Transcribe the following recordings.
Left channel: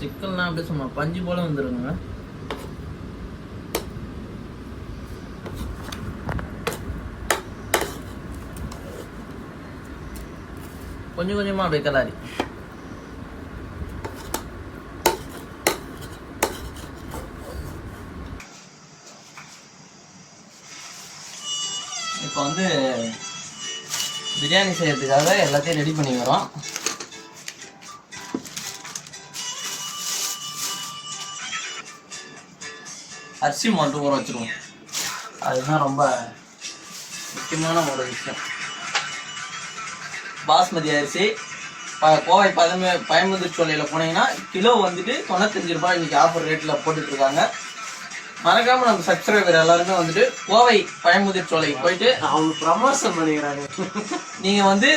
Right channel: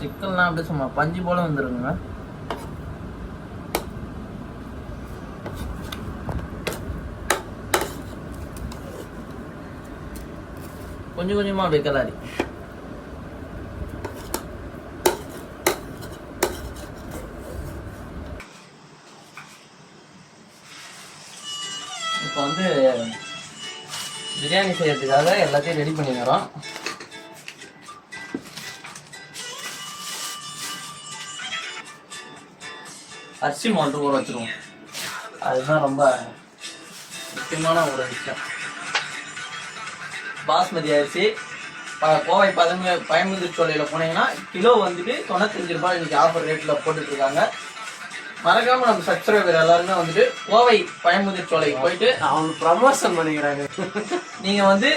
சிக்கன்லாம் அப்படியே சும்மா பஞ்சு போல வந்துருங்க. கொஞ்சம் கொஞ்சமா அப்படியே கலாரி. இப்போ வந்து பிரியாணி செய்யறதுக்காக எல்லாத்தையும் ரெடி பண்ணிக்கிறோம். அரிசி மாட்டு ஊற வச்சிருவோம். அதுதான் ரொம்ப முக்கியமான ஒரு விஷயம். பாஸ்மதி அரிசி கோவை பயமுதிர் சோலையில் போனீங்கன்னா கிலோ வந்துட்டு 95 ரூபாய் இன்னைக்கு ஆஃபர் ரேட்டில் போட்டுட்ருக்காங்க. மறக்காமல் நம்ம சப்ஸ்கிரைபர் எல்லாருமே வந்துட்டு கோவை பயமுதிர் சோலைக்கு போயிட்டு அவங்க ப்ரமோஷன் பண்ணிக்கிறாங்க. நீங்கள் வந்து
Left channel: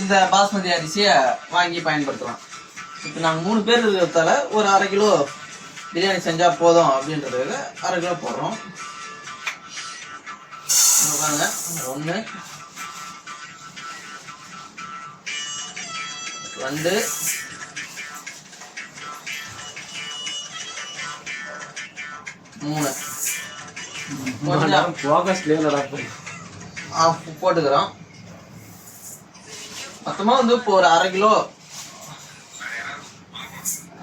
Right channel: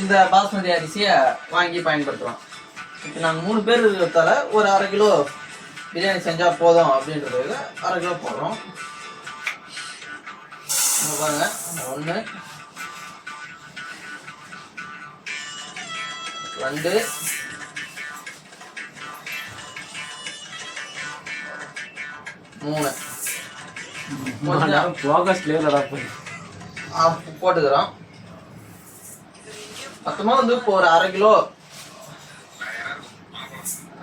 இந்த பாஸ்மதி அரிசியை வாங்கி பயன்படுத்தலாம். இப்போ நாங்கள் 3 பேர் இருக்கிறதால ஒரு 1/2 கிலோ பிரியாணி செஞ்சால் போதும் அப்படின்றதுக்கு 1/2 கிலோ போடுறோம். 1 2 3 போட்டுக்கிறோம். மொத்தமாக வந்து இப்போ ஒரு 1/2 கிலோ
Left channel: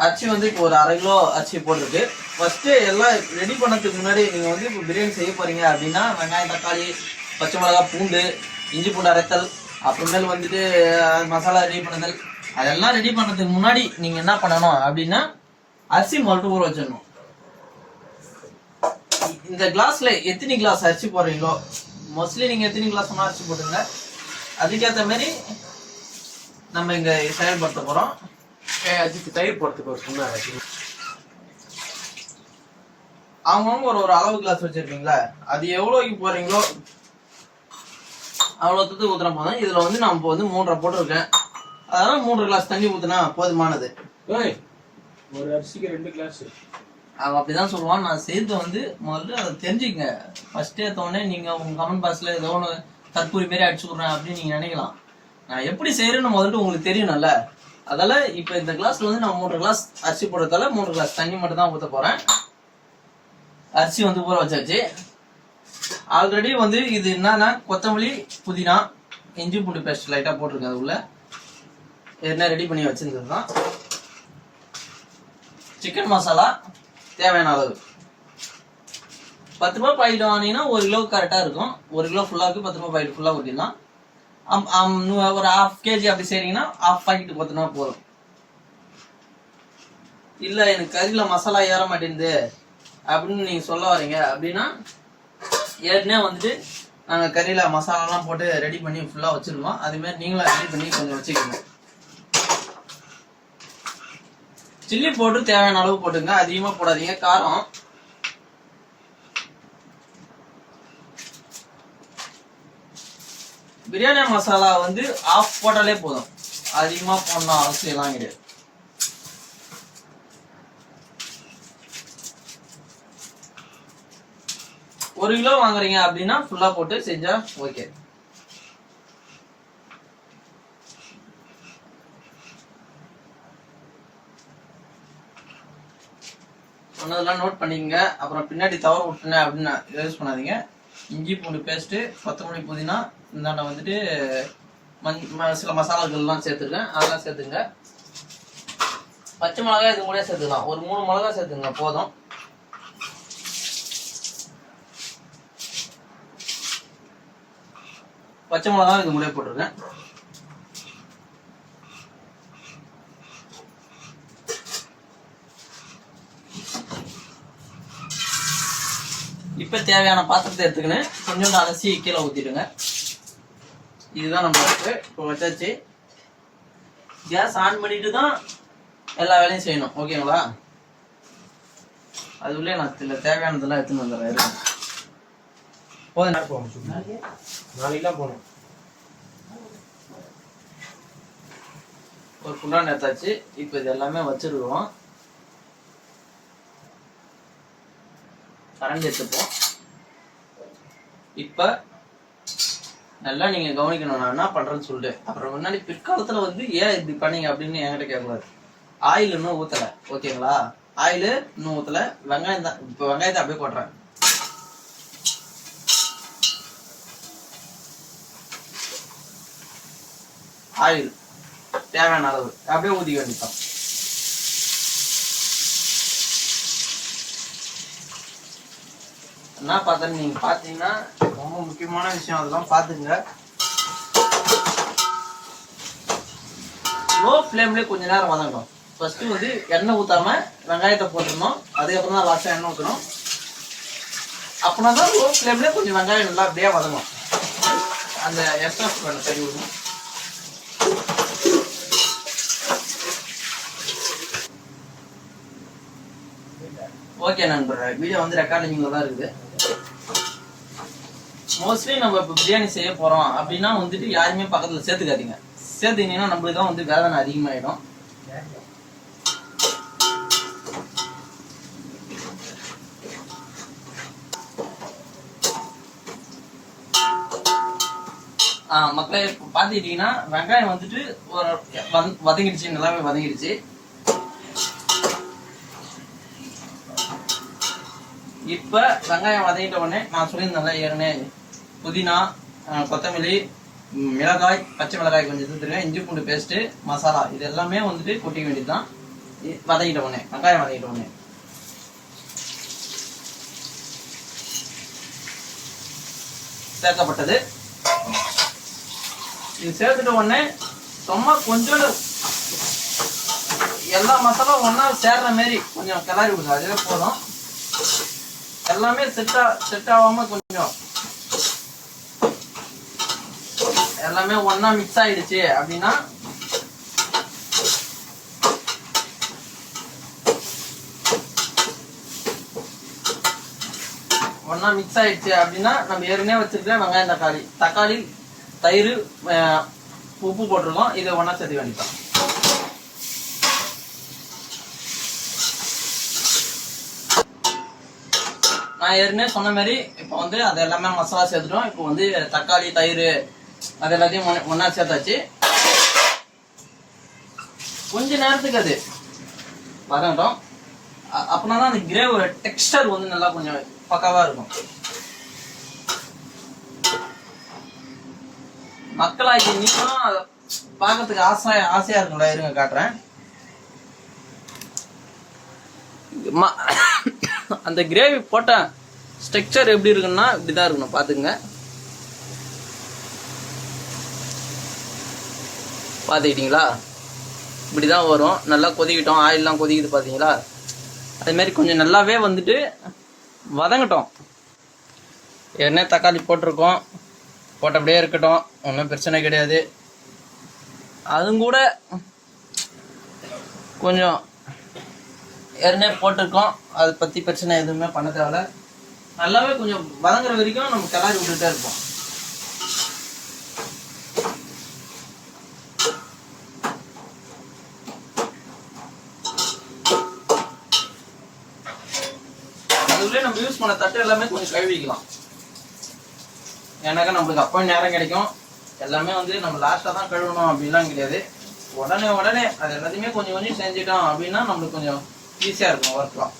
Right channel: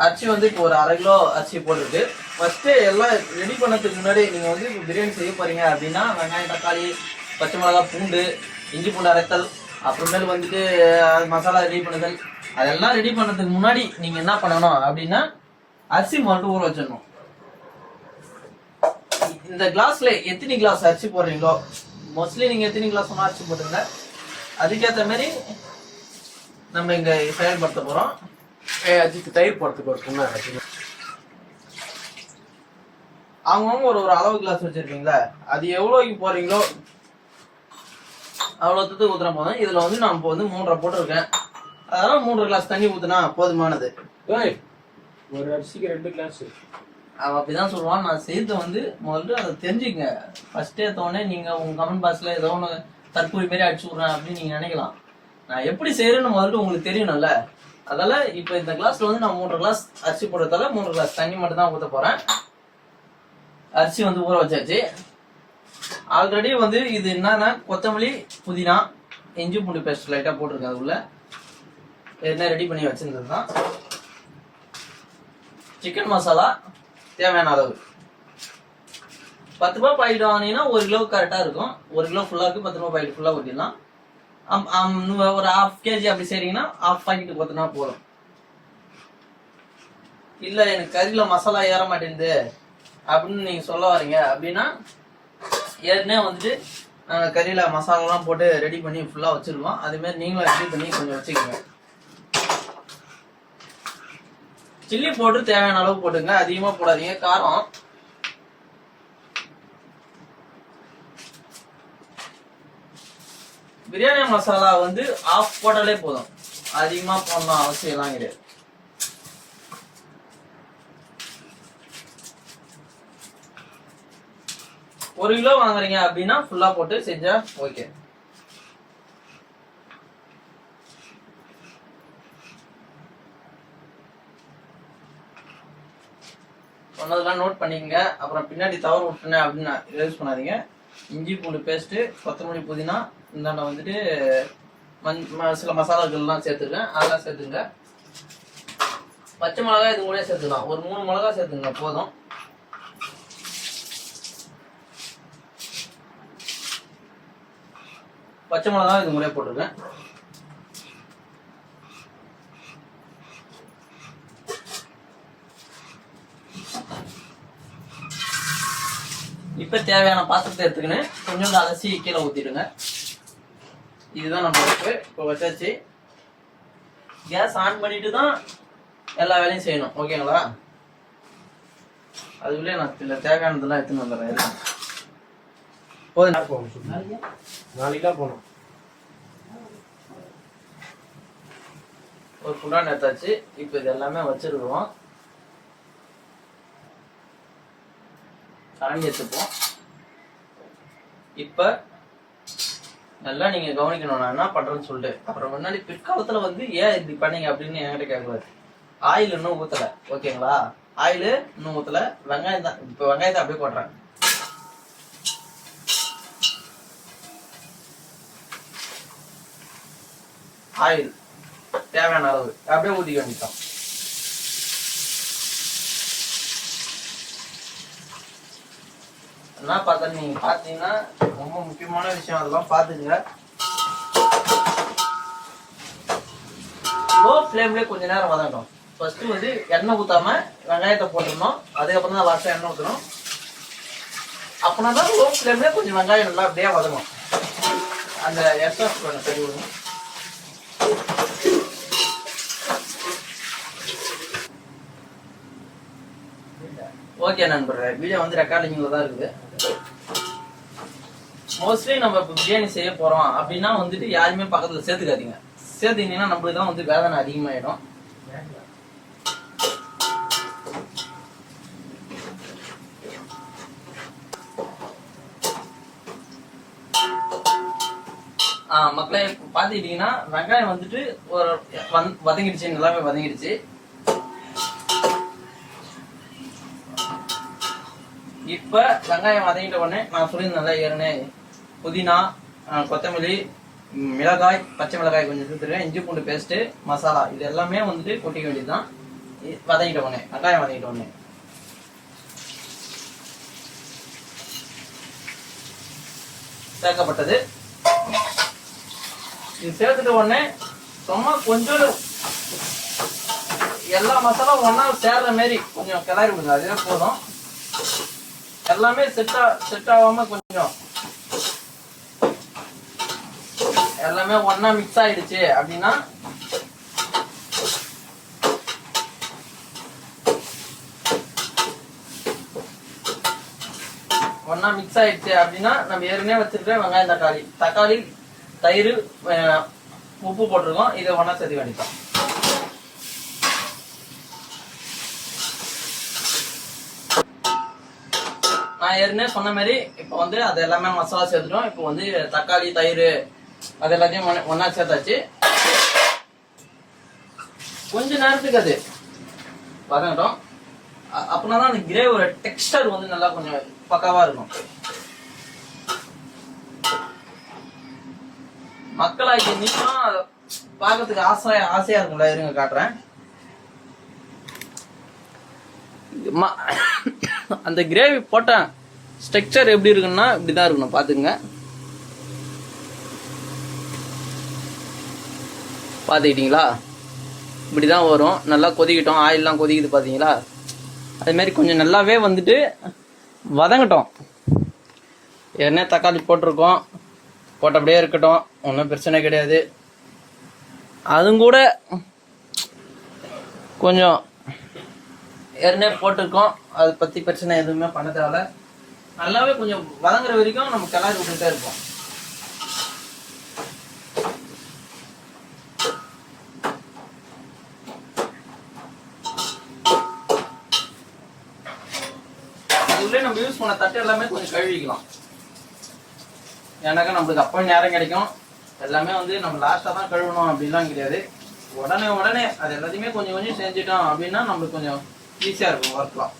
அரிசி வந்து இப்போ ஒரு 1/2 கிலோ அரிசி போட்டிருக்கு. ஃபர்ஸ்ட்டு எல்லாம் ரெடி பண்ணதுக்கு முன்னாடி நீங்கள் வந்து இப்போ பிரியாணி செய்ய போகிறீங்க அப்படின்னா வெங்காயம், தக்காளி, பச்சை மிளகா, பூண்டு, இஞ்சி பூண்டு அரைத்தல், அப்புறமேல் வந்துட்டு மசாலா ரெடி பண்ணுதல், அதெல்லாம் ரெடி பண்ணுறதுக்கு முன்னாடி நீங்கள் என்ன பண்ணணும் அப்படின்னா அரிசி மட்டும் ஊற வச்சிடணும். இந்த கிளாஸில் எத்தனை கிளாஸ் அரிசி போடுறீங்களோ, மோஸ்ட்லி நீங்கள் எத்தனை கிளாஸ் சொன்னால் அரிசி போட்டுருங்க, அதுக்கேற்ற மாதிரி நம்ம இங்கே செயல்படுத்த போகிறோம். அதுக்கு தயிர் போடுறதுக்கு ஒரு சொன்னாங்க. அவங்கவுங்க ஒரு அளவு கிளாஸ் வச்சிருக்கீங்களா, அது எவ்வளோக்கு போடுறீங்களோ அவ்வளோத்துக்கு ஊற்றுனா போதும். இதில் வந்து நான் இப்போ வந்து 3.5 போட்டிருக்கேன். அதெல்லாம் 3 கிளாஸ் தண்ணி ஊற்றுனா போதுமானது. ஒரு அரிசிக்கு 2 கிளாஸ் அவன் அப்படிதான் சொல்லுவான். நான் சேர்த்து வந்து முதல்ல அதை தெரிஞ்சுக்கங்க. ஃபர்ஸ்ட் எடுத்தோடனே நீங்கள் உங்கள் கமெண்ட் பாக்ஸில் ஏதோ ஒன்று தற்கூரி மாரி அடிச்சு விட்றேன் அப்படின்னு நீங்கள் நினைக்கலாம். நான் எப்படி செய்கிறேன்னு முதல்ல உங்களுக்கு தெரியணும்ல. அதால இப்போ இந்த கிளாஸ்ல வந்து நான் 3 கிளாஸ் அரிசி போடுறதால 3 கிளாஸ் தண்ணி மட்டும் தான் ஊற்ற போகிறேன். அரிசி வந்து ஊற வச்சாச்சு. ஆல்ரெடி வந்து இது என்னன்னா கொத்தமல்லி, புதினா, இஞ்சி பூண்டு பேஸ்ட் லைட்டாக போட்டிருக்கேன். அது உள்ள என்ன ரெடி பண்ணி வச்சிருந்தது தான். சிக்கன் மசாலா தேவையான அளவு 10 ரூபாய் பாக்கெட் வாங்கினீங்கன்னா 1 கிலோ கரெக்டாக இருக்கும். 1 கிலோ ஃபுல்லாக 10 ரூபாய் பாக்கெட் ஃபுல்லாக ஊற்றிடலாம். ஒரு 1/2 kg அப்படி செய்றீங்கன்னா 1/2 பாக்கெட் ஊற்றினா போதும். இல்லை எனக்கு கறியில் மசாலா ஏற மாட்டேங்குது அப்படின்னு நீங்கள் சொல்ல வரீங்க அப்படின்னா ஏற்கனவே வந்துட்டு நாங்கள் கறியில் மசாலாலாம் போட்டு ரெடி பண்ணி ஃபுல்லாக வச்சுருவோம். அதேமாதிரி நீங்களும் ரெடி பண்ணி கொஞ்சம் வச்சுக்கோங்க. சில்லி பவுடர் தேவையான அளவு போட்டுங்க, அதிகமாக போடாதீங்க. காரம் பிரியாணி மசாலா வந்து 1/2 போட்டாலே போதும், அதிகமாக போடணும் அவசியம்லாம் கிடையாது. ஒரு கிலோ வாங்குறீங்க அப்படின்னா ஃபுல்லா போட்டு செஞ்சா ஓகே. சொன்னதெல்லாம் நோட் பண்ணிக்கங்க. அப்புறம் பின்னாடி தவறு விட்டுனேன் அப்படின்னு யூஸ் பண்ணாதீங்க. இஞ்சி பூண்டு பேஸ்ட்டு, கொத்தமல்லி, புதினா, இந்தாண்ட வந்துட்டு சில மசாலாக்கள்லாம் சேர்த்துருக்கேன், அதெல்லாம் சேர்த்துங்க. பச்சை மிளகாய் இது கூட சேர்த்துக்கலாம். ஒரு 3 மிளகா சேர்த்துங்க போதும். பச்சை மிளகா இது முறையாக போட்டிருக்கேன். இப்போ தேவையான பாத்திரத்தை எடுத்துக்கின்னு கொஞ்சோண்டு அலசி கீழே ஊற்றிடுங்க. இதுதான் நம்ம இப்போ வச்சாச்சு. கேஸ் ஆன் பண்ணிட்டு தான் எல்லா வேலையும் செய்யணும், ஓகேங்களா? அதுக்குள்ளே நான் தேவையானதெல்லாம் எடுத்துன்னு வந்துடுறேன். நாளைக்கு போகணும். ஒரு குண்டான் எடுத்தாச்சு. இப்போ இது எல்லாமே வச்சிருக்கிறோம். கரண்டி எடுத்துப்போம். இப்போ நல்லா நீங்க கவனிக்கணும் நான் என்ன பண்றேன்னு சொல்லிட்டு. அப்புறம் முன்னாடி பிற்காலத்துல வந்து ஏன் இப்படி பண்ணீங்க அப்படின்னு என்கிட்ட கேட்கக்கூடாது. ஆயில் இன்னும் ஊத்தல. ஓகேங்களா? ஆயில் இன்னும் ஊத்தல. வெங்காயம் தான். இப்போ வெங்காயத்தை அப்படியே போடுறேன். ஆயில் தேவையான அளவு அப்படியே ஊத்திக்க வேண்டியதான். என்ன பார்த்தா நீங்க பாத்தீங்கன்னா ரொம்ப முக்கியமான விஷயம், அதெல்லாம் பாத்துங்க. லோ ஃப்ளேம்ல கொஞ்ச நேரம் வதங்கணும். ஃபர்ஸ்ட் வந்து எண்ணெய் ஊத்தாம வெங்காயத்தை போட்டுடணும். அதுக்கப்புறம் தான் லாஸ்டா எண்ணெய் ஊற்றணும். அப்படின்னா தான் லோ ஃப்ளேம்ல கொஞ்சம் வெங்காயம் நல்லா அப்படியே வதங்கும். அந்த எக்ஸ்ட்ரா பண்ண சரி விடணும். ஓகே நண்பர்களே, வீடியோ வந்து ரெக்கார்டிங்ல தான் இருக்குது. மோஸ்ட்லி நம்ம இப்போ பிரியாணி செய்ய போறோம் அப்படின்னா வந்துட்டு யாருமே பக்கத்துல சேர்த்துக்காதீங்க. சேர்த்துக்கிட்டீங்கன்னா நம்மளுக்கு தான் வந்து வேதனை அதிகமாயிடும். மக்களே பாத்துக்கிட்டீங்கன்னா வெங்காயம் வந்துட்டு ஒரு வதங்கிடுச்சு, நல்லாவே வதங்கிடுச்சு. இப்ப வெங்காயம் வதங்கிட்ட உடனே நான் சொல்லியிருந்தேன்ல ஏற்கனவே, புதினா, கொத்தமல்லி, மிளகாய், பச்சை மிளகாய் கொஞ்சம் எடுத்துருக்கேன், இஞ்சி பூண்டு பேஸ்ட், மசாலா, இது எல்லாமே வந்துட்டு கொட்டிக்க வேண்டியதுதான். வதங்கிட்ட உடனே, வெங்காயம் வதங்கிட்ட உடனே சேர்க்கப்பட்டது. இது சேர்த்துட்ட உடனே சும்மா கொஞ்சம் எல்லா மசாலாவும் ஒன்னா சேர்ற மாதிரி கொஞ்சம் கிளறி விடுங்க. அதுவே போதும். எல்லாமே செட் ஆகாம கொஞ்சம் எல்லாமே ஒன்னா மிக்ஸ் ஆயிடுச்சு அப்படின்னா நம்ம ஏற்கனவே வச்சிருக்க வெங்காயம், தக்காளி, தயிர், உப்பு போட்டிருக்கோம். இதை ஒன்னா சேர்த்து வேண்டிப்போம். நான் ஏற்கனவே சொன்ன மாதிரி இப்போ வந்து அது எல்லாமே மசாலா சேர்த்துட்டோம். இப்போ வந்து தக்காளி, தயிர் அது எல்லாத்தையும் ஒன்னா சேர்த்தாச்சு. கொஞ்ச நேரத்துக்கு அது வதங்கட்டும். அப்படின்னா தான் அந்த கிரேவோட டெக்ஸ்டர் வந்து நல்லா கொஞ்சம் பக்காவா இருக்கும். மக்களாகி நீங்களும் அதை பார்க்கறதுக்கு ஆசையா இருக்கும்ல. இருங்க காட்டுறேன். அந்த கிரேவி போட்ட ஸ்ட்ரக்சர் எப்படி இருக்குன்னா இப்படிதான் இருக்கணும். பாத்துங்க, பாத்துக்கிட்டீங்களா? இப்படிதான் வரும். நல்லா கொதிக்கிட்டோம், ஆயில்லாம் கொதிக்குது பாத்தீங்களா? அதே மாதிரி கொஞ்சம் நல்லாவே வந்துட்டு வதங்கட்டும். ஏன்னா தக்காளி போட்டிருக்கோம், போட்டபடியே இருக்கட்டும், ஒன்றும் பிரச்சனை கிடையாது. அதுவும் கூட கொஞ்சம் ஏற்கனவே போட்டிருக்கோம், அதை பற்றி பிரச்சனை எதுவுமே பண்ண தேவையில்ல. நல்லாவே கொஞ்சம் வதங்குற வரைக்கும் நம்ம கிளறி விட்டுட்டே இருப்போம். அதுக்குள்ளே நம்ம யூஸ் பண்ண தட்டு எல்லாமே கொஞ்சம் கழுவிக்கலாம். ஏன்னாக்கா நம்மளுக்கு அப்போ நேரம் கிடைக்கும். எல்லாமே வந்து நம்ம லாஸ்ட்டாக தான் கழுவணும் அப்படின்லாம் கிடையாது. உடனே அது எல்லாத்தையுமே கொஞ்சம் செஞ்சிட்டோம் அப்படின்னா நம்மளுக்கு கொஞ்சம் ஈஸியாக இருக்கும் ஒர்க்லாம்.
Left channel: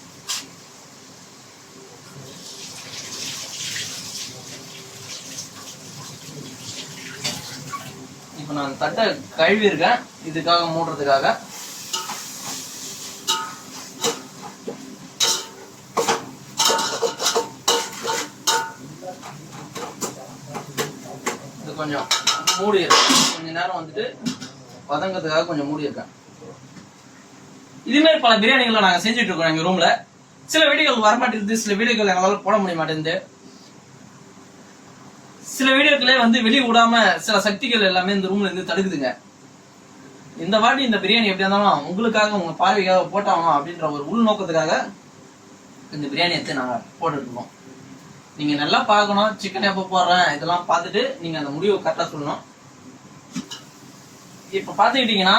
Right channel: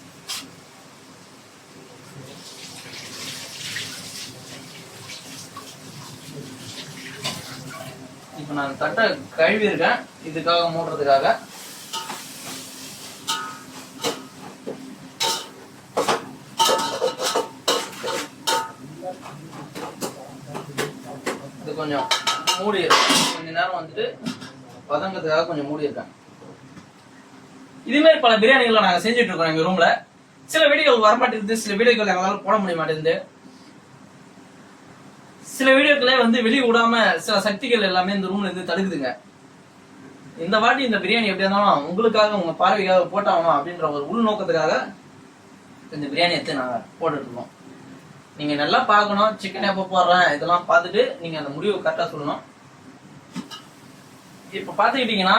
இப்போ நான் தட்டை கழுவி இருக்கேன் இதுக்காக மூடுறதுக்காக. இது கொஞ்சம் மூடி கொஞ்ச நேரம் வந்துட்டு வதங்கிறதுக்காக கொஞ்சம் மூடி இருக்கேன். இதே மாதிரி பல பிரியாணிகளை நாங்கள் செஞ்சுட்டு இருக்கோம் எங்க ரூம்ல. சில வீடியோக்கள் வரமாட்டேங்குது, சில வீடியோக்கள் எங்களால போட முடிய மாட்டேங்குது. சில வீடியோக்களே வந்து வெளியே விடாம சில சக்திகள் எல்லாமே இந்த ரூம்ல இருந்து தடுக்குதுங்க. இந்த வாட்டி இந்த பிரியாணி எப்படி இருந்தாலும் உங்களுக்காக, உங்க பார்வைக்காக போட்டாகணும் அப்படின்ற ஒரு உள்நோக்கத்துக்காக இந்த பிரியாணி எடுத்து நாங்க போட்டுட்டு இருக்கோம். நீங்க நல்லா பார்க்கணும், சிக்கன் எப்போ போடுறேன் இதெல்லாம் பார்த்துட்டு நீங்க அந்த முடிவை கரெக்டா சொல்லணும். இப்ப பாத்துக்கிட்டீங்கன்னா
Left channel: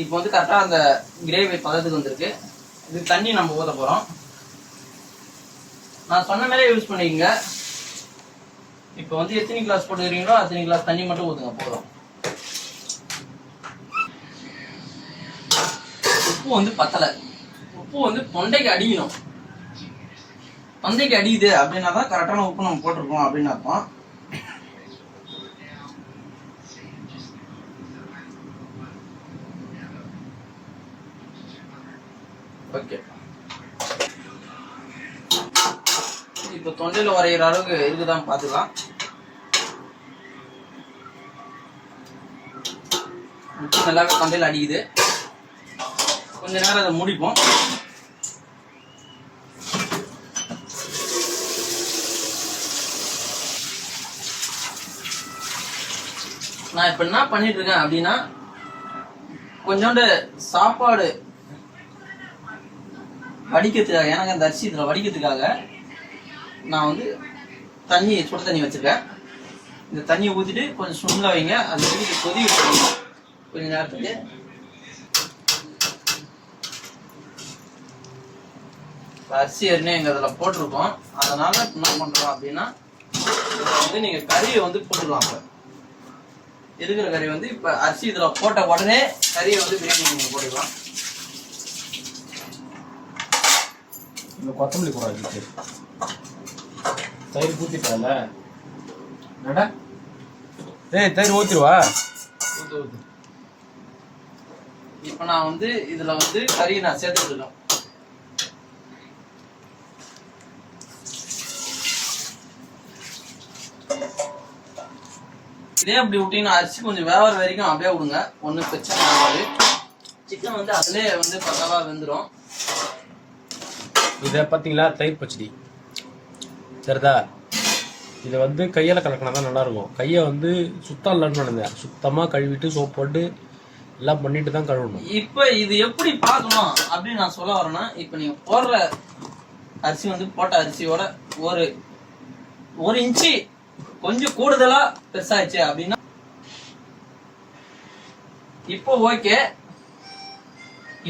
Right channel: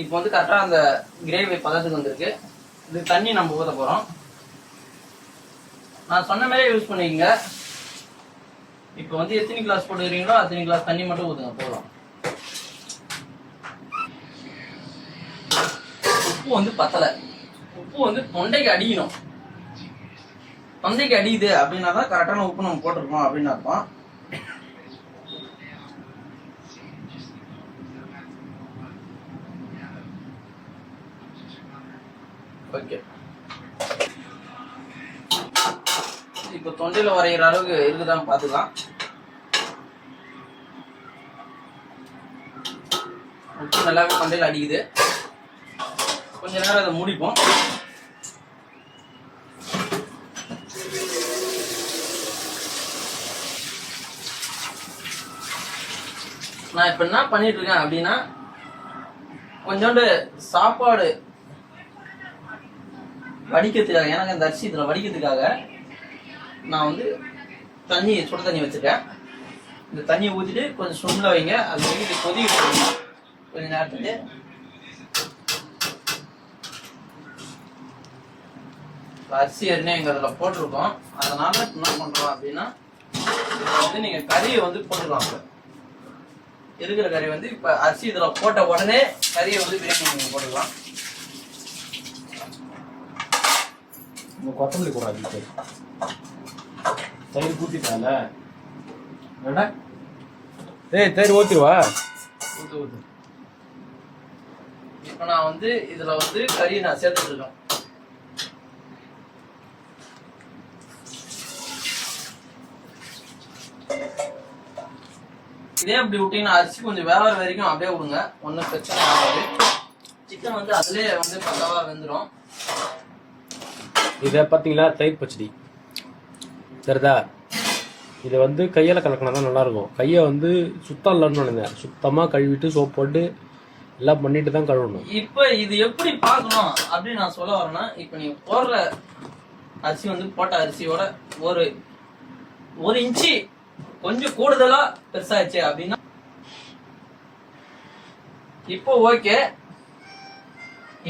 இப்ப வந்து கரெக்டா அந்த கிரேவி பதத்துக்கு வந்திருக்கு. இது தண்ணி நம்ம ஊத்த போறோம். நான் சொன்ன மாதிரியே யூஸ் பண்ணிக்கங்க. இப்ப வந்து எத்தனை கிளாஸ் போட்டுக்கிறீங்களோ அத்தனை கிளாஸ் தண்ணி மட்டும் ஊத்துங்க போதும். உப்பு வந்து பத்தலை. உப்பு வந்து தொண்டைக்கு அடிக்கணும். தொண்டைக்கு அடிக்குது அப்படின்னா தான் கரெக்டான உப்பு நம்ம போட்டிருக்கோம் அப்படின்னு அர்த்தம். ஓகே, இப்போ தொண்டையில் வரைகிற அளவுக்கு இருக்குதான்னு பார்த்துக்கலாம். உப்பு நல்லா தொண்டையில் அடிக்குது. கொஞ்ச நேரம் அதை மூடிப்போம். நான் இப்ப என்ன பண்ணிட்டு இருக்கேன் அப்படின்னா, கொஞ்சோண்டு சாப்பாடு வடிக்கிறதுக்காக, எனக்கு அந்த அரிசி இதில் வடிக்கிறதுக்காக நான் வந்து தண்ணி, சுட தண்ணி வச்சிருக்கேன். இந்த தண்ணியை ஊற்றிட்டு கொஞ்சம் சுண்டில் வைங்க. அது ஊற்றி கொதிக்க போடுங்க கொஞ்ச நேரத்துக்கு. அரிசி ஏற்கனவே எங்கள் அதில் போட்டிருக்கோம். அதனால என்ன பண்ணுறோம் அப்படின்னா, இதில் வந்து நீங்கள் கறியை வந்து போட்டுக்கலாம். இப்போ இருக்கிற கறி வந்து இப்போ அரிசி இதில் போட்ட உடனே கறியை வந்து பிரியாணி நீங்கள் போட்டுக்கலாம். இந்த கொத்தமல்லி கூடாது. தயிர் ஊற்றிட்டால என்னடா? ஏய், தயிர் ஊற்றிடுவா. இப்போ நான் வந்து இதில் வந்து கறியை நான் சேர்த்துட்டு இருக்கேன். இதே அப்படி விட்டீங்கன்னா அரிசி கொஞ்சம் வேவற வரைக்கும் அப்படியே விடுங்க, ஒன்றும் பிரச்சனை ஆகாது. சிக்கன் வந்து அதுலேயே வந்து பக்காவாக வெந்துடும். இதை பார்த்தீங்களா, தயிர் பச்சடி சரிதா? இதை வந்து கையால் கலக்கினா தான் நல்லாயிருக்கும். கையை வந்து சுத்தம் இல்லைன்னு நினைந்தேன். சுத்தமாக கழுவிட்டு சோப் போட்டு எல்லாம் பண்ணிட்டு தான் கழுவணும். இப்போ இது எப்படி பார்க்கணும் அப்படின்னு நான் சொல்ல வரேன்னா, இப்போ நீங்கள் போடுற அரிசி வந்து போட்ட அரிசியோட ஒரு இன்ச்சு கொஞ்சம் கூடுதலா பெருசாச்சு அப்படின்னா இப்போ ஓகே.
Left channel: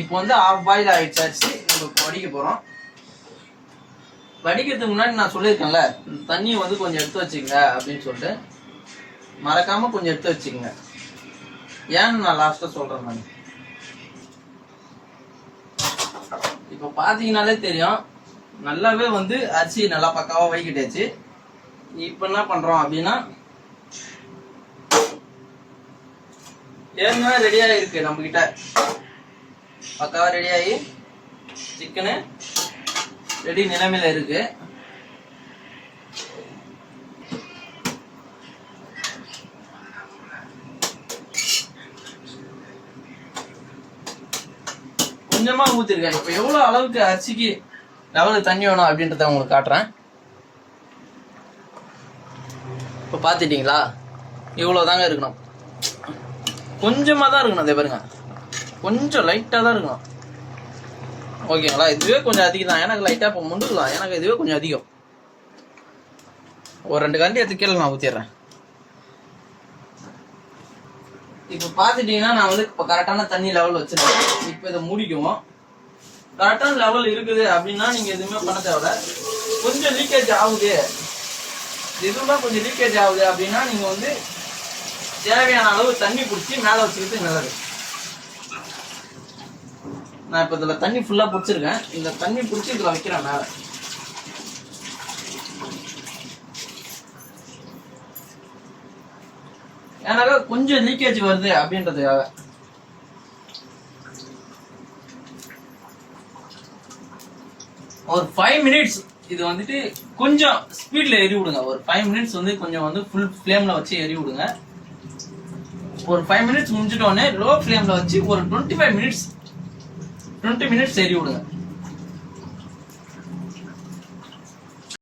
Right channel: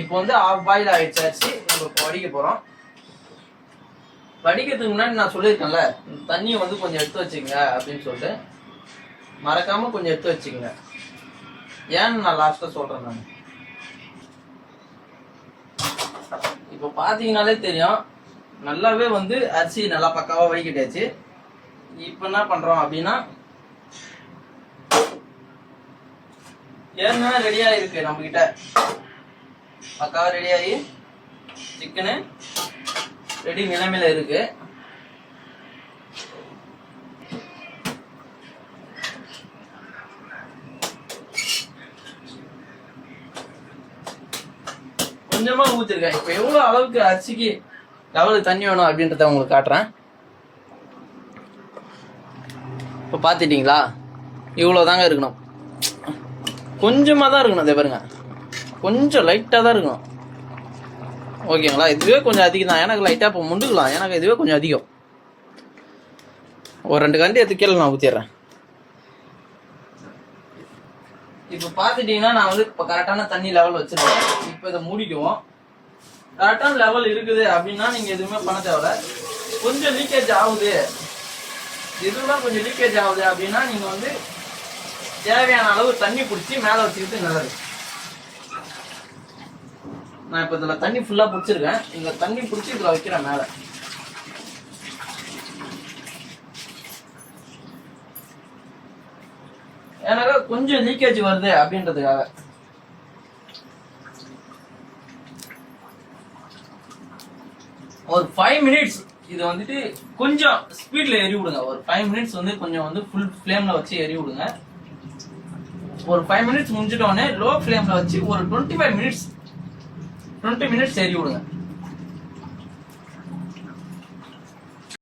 இப்போ வந்து ஆஃப் பாயில் ஆயிடுச்சு அரிசி. நம்ம இப்போ வடிக்க போறோம். வடிக்கிறதுக்கு முன்னாடி நான் சொல்லியிருக்கேன்ல, தண்ணியை வந்து கொஞ்சம் எடுத்து வச்சுக்கங்க அப்படின்னு சொல்லிட்டு, மறக்காம கொஞ்சம் எடுத்து வச்சுக்கங்க. ஏன்னு நான் லாஸ்டா சொல்றேன். நான் இப்போ பாத்தீங்கன்னாலே தெரியும், நல்லாவே வந்து அரிசி நல்லா பக்காவா வைக்கிட்டாச்சு. இப்ப என்ன பண்றோம் அப்படின்னா, ஏன்னா ரெடியா இருக்கு நம்ம கிட்ட, பக்காவா ரெடி ஆகி சிக்கனு ரெடி நிலைமையில இருக்கு. கொஞ்சமா ஊத்திருக்கேன். இப்ப எவ்வளவு அளவுக்கு அரிசிக்கு லெவலுக்கு தண்ணி வேணும் அப்படின்றத உங்களுக்கு காட்டுறேன். இப்போ பார்த்துட்டீங்களா, இவ்வளோ தாங்க இருக்கணும். கொஞ்சமாக தான் இருக்கணும். அதே பாருங்க, கொஞ்சம் லைட்டாக தான் இருக்கணும். ஓகேங்களா? இதுவே கொஞ்சம் அதிகம் தான். எனக்கு லைட்டாக இப்போ முண்டுக்கலாம். எனக்கு இதுவே கொஞ்சம் அதிகம். ஒரு 2 கரண்டி எடுத்து கீழே நான் ஊற்றிடுறேன். இப்போ பார்த்துட்டீங்கன்னா நான் வந்து இப்போ கரெக்டான தண்ணி லெவல் வச்சுருக்கேன். இப்போ இதை மூடிக்குவோம். கரெக்டான லெவல் இருக்குது அப்படின்னா நீங்கள் எதுவுமே பண்ண தேவை. கொஞ்சம் லீக்கேஜ் ஆகுது, இதுதான் கொஞ்சம் லீக்கேஜ் ஆகுது அப்படின்னா நீங்க வந்து தேவையான அளவு தண்ணி பிடிச்சி மேலே வச்சுக்கிறது நல்லது. நான் இப்போ இதில் தண்ணி ஃபுல்லாக பிடிச்சிருக்கேன். இந்த தண்ணி பிடிச்சி இதில் வைக்கிறேன் மேலே. ஏன்னாக்கா கொஞ்சம் லீக்கேஜ் வருது அப்படின்றதுக்காக. ஒரு 5 மினிட்ஸ் இது வந்துட்டு கொஞ்சம் ஸ்பீட்ல எரி விடுங்க. ஒரு 5 மினிட்ஸ் வந்து கொஞ்சம் வந்து ஃபுல் ஃப்ளேம்ல வச்சு எரி விடுங்க. ஒரு 5 மினிட்ஸ் முடிஞ்சிட்டோடனே லோ ஃப்ளேம்ல வச்சு ஒரு 20 மினிட்ஸ் எரி விடுங்க.